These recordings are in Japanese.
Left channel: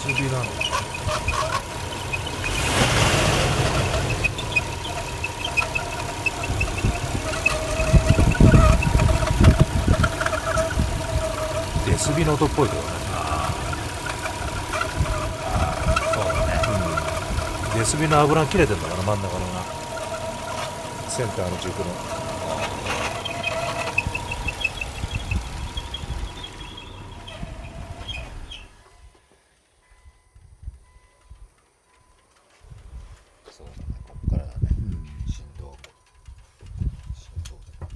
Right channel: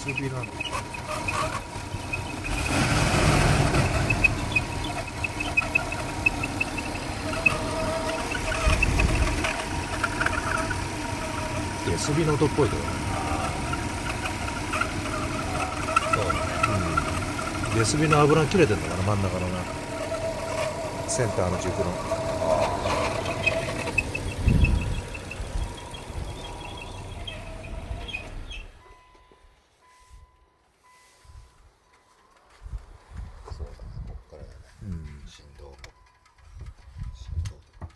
スビなの。ゲスビの音っぽいけどね。そうだね。ゲスビの油切れてんだから、真ん中のな、センターの軸の。そうだね。ここからだね。振動。振動とか。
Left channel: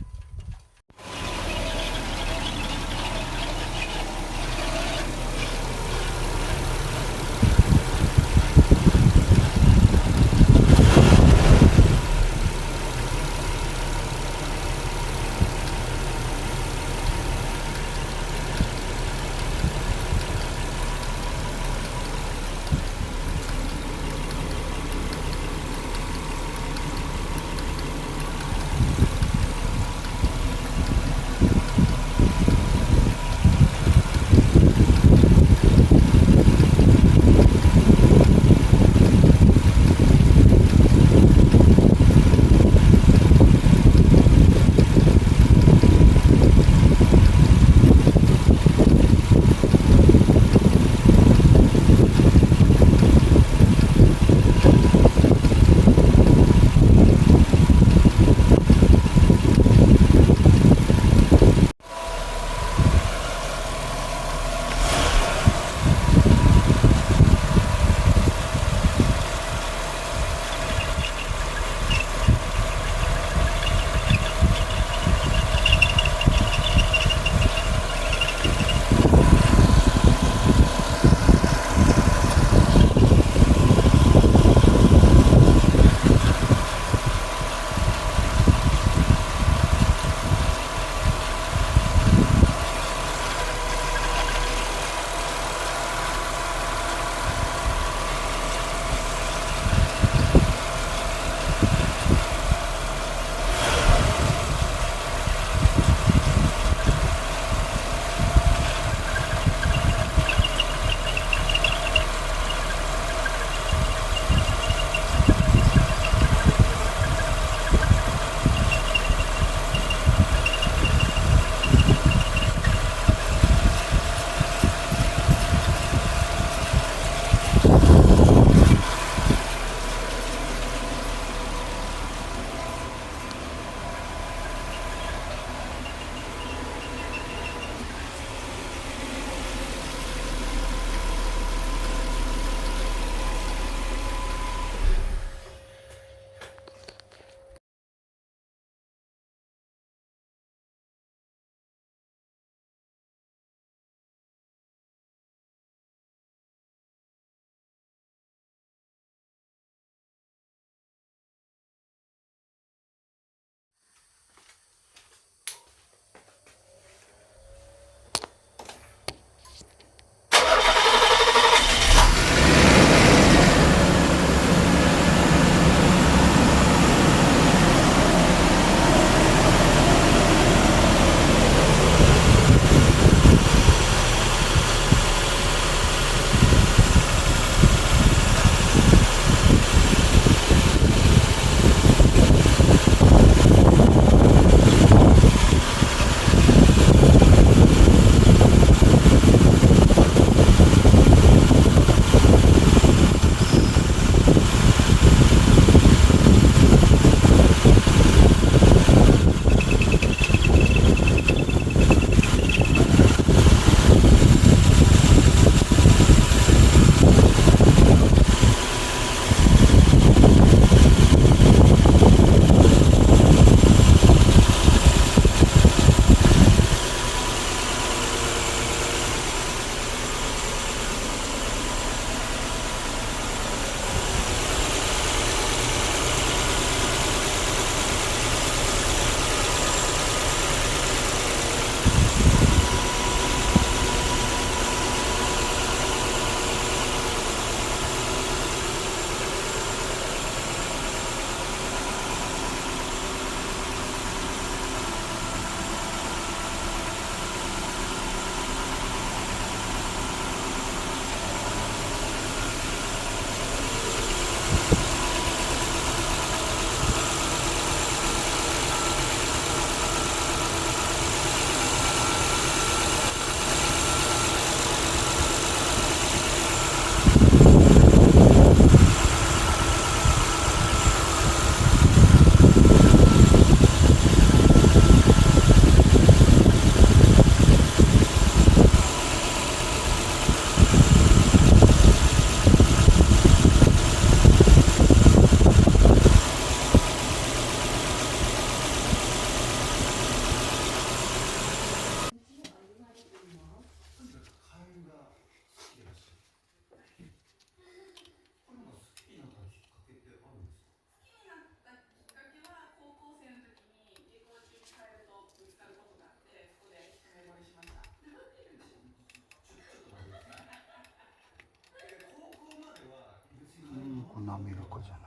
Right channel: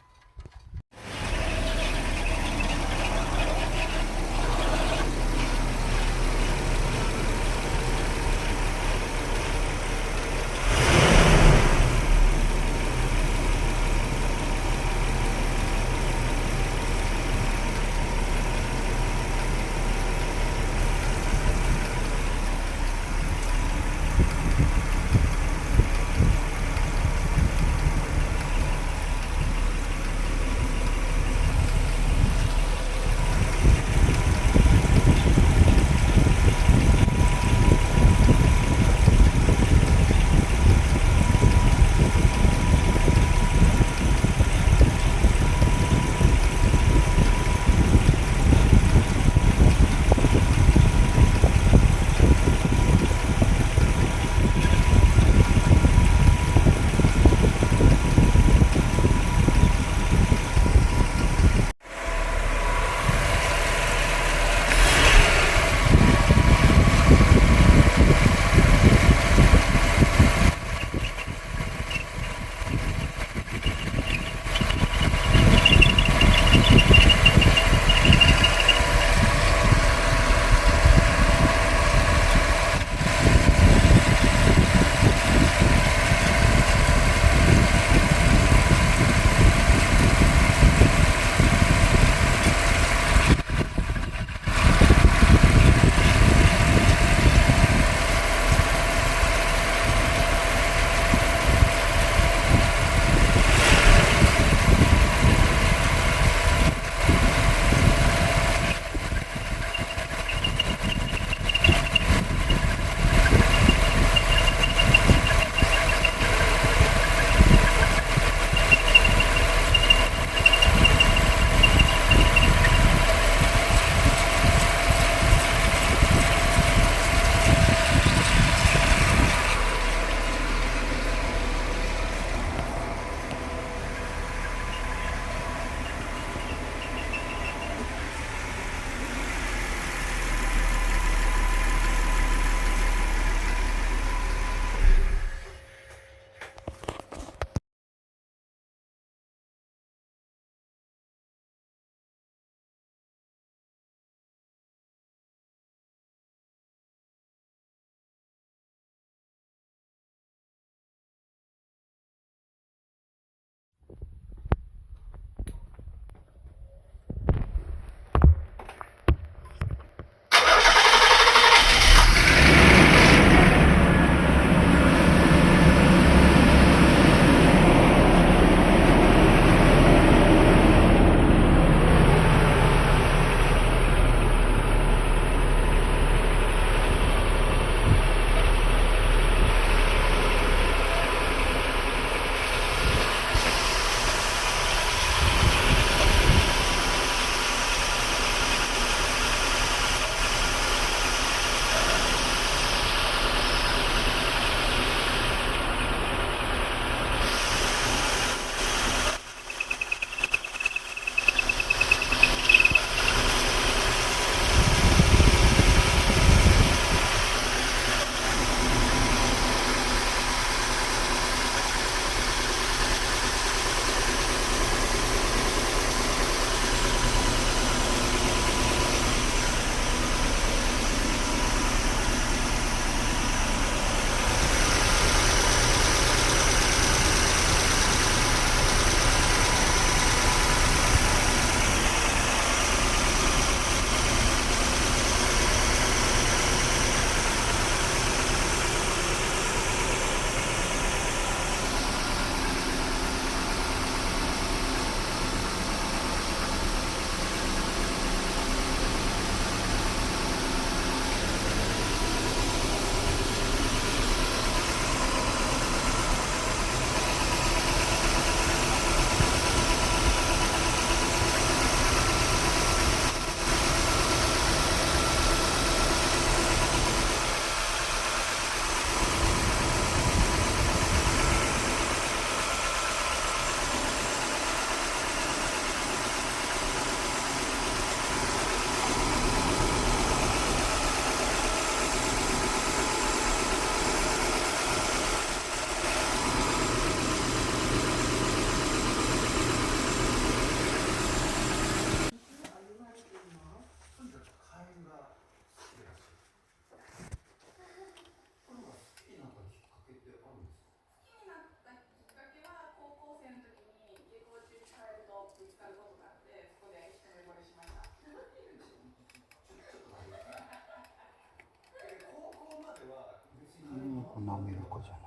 ナメロコじゃない。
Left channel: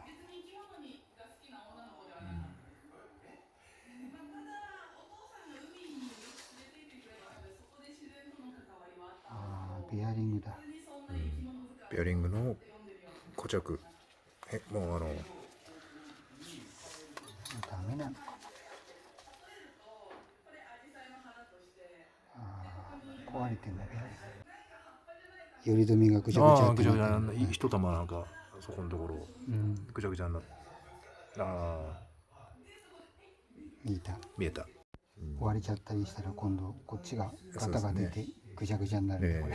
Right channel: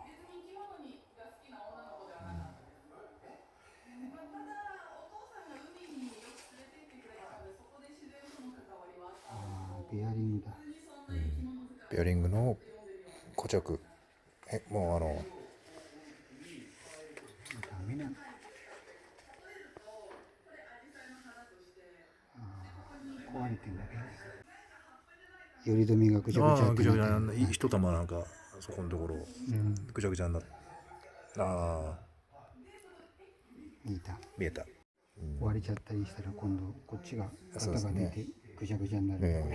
ベアリングだ。ベアリングの固着。もうダメなの。壊れてんだね。より止めがぐちゃぐちゃってぐちゃぐちゃなってる。一玉なんかそこのところぐちゃぐちゃになって、見えた。割れちゃったりしたら今度こっちがガタが出てぐちゃぐちゃになる。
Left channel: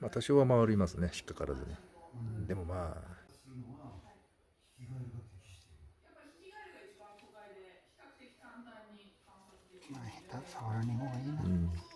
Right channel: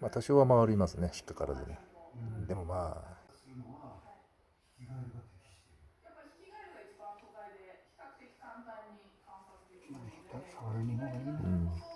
まあ多少は回りますね、引っかからずね。でもまあ下手触らない方がいいな。